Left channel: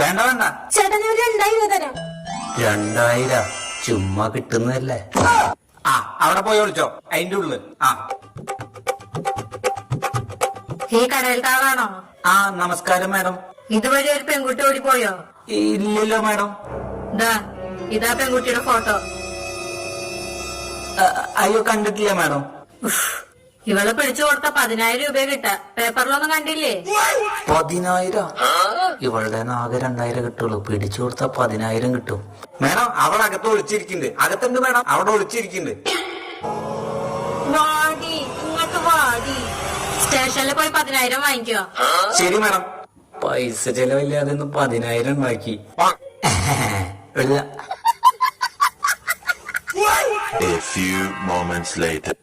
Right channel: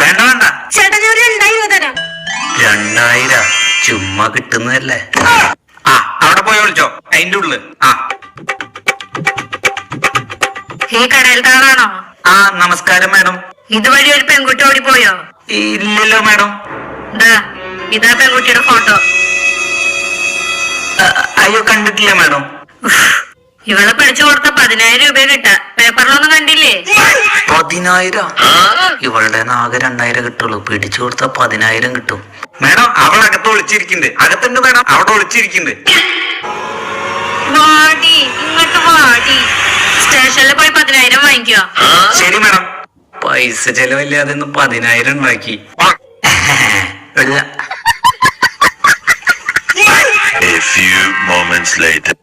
വേണ്ട വേണ്ട ചേട്ടാ ഞാൻ 2000 തരാം. 2000 ചുമ്മാ കിട്ടുന്നതല്ലേ. ആ അവിടെ പോയി വിളിച്ചോ, അതിന്റെ ഉള്ളില്. ഈ കടയിലത്തെ ആളാണോ? ആ നമസ്കാരം മാഡം. ഇതുവഴി ഒരു പെൺകുട്ടി ഓടിപ്പോയോ? ഇല്ലല്ലോ മാഡം. ഇതാ പെൺകുട്ടിയുടെ ഫോട്ടോ. അയ്യോ കണ്ടിട്ടില്ല മാഡം. ഇവളെ പിടിച്ചു കൊടുത്ത 10000 രൂപ കിട്ടാ. പേപ്പറിലൊന്നും കണ്ടില്ലേ? 10000? ഇവളുടെ ആകെ 2000 കിട്ടുള്ളൂ. പിടിച്ചു കൊടുത്ത 10000 കിട്ടും മാഡം. അവൾ അകത്ത് ഒളിച്ചിരിക്കുന്നുണ്ട്. അകത്തുണ്ട് മാഡം, അവിടെ ഒളിച്ചിരിക്കുന്നുണ്ട്. വാടി ഇങ്ങോട്ട് വാടി. സ്റ്റേഷനിൽ പോയി 10000 വാങ്ങിക്കോ. ശരി മാഡം. പൈസ ചെലവില്ലാതെ 10000 ഉണ്ടാക്കി. A few moments later.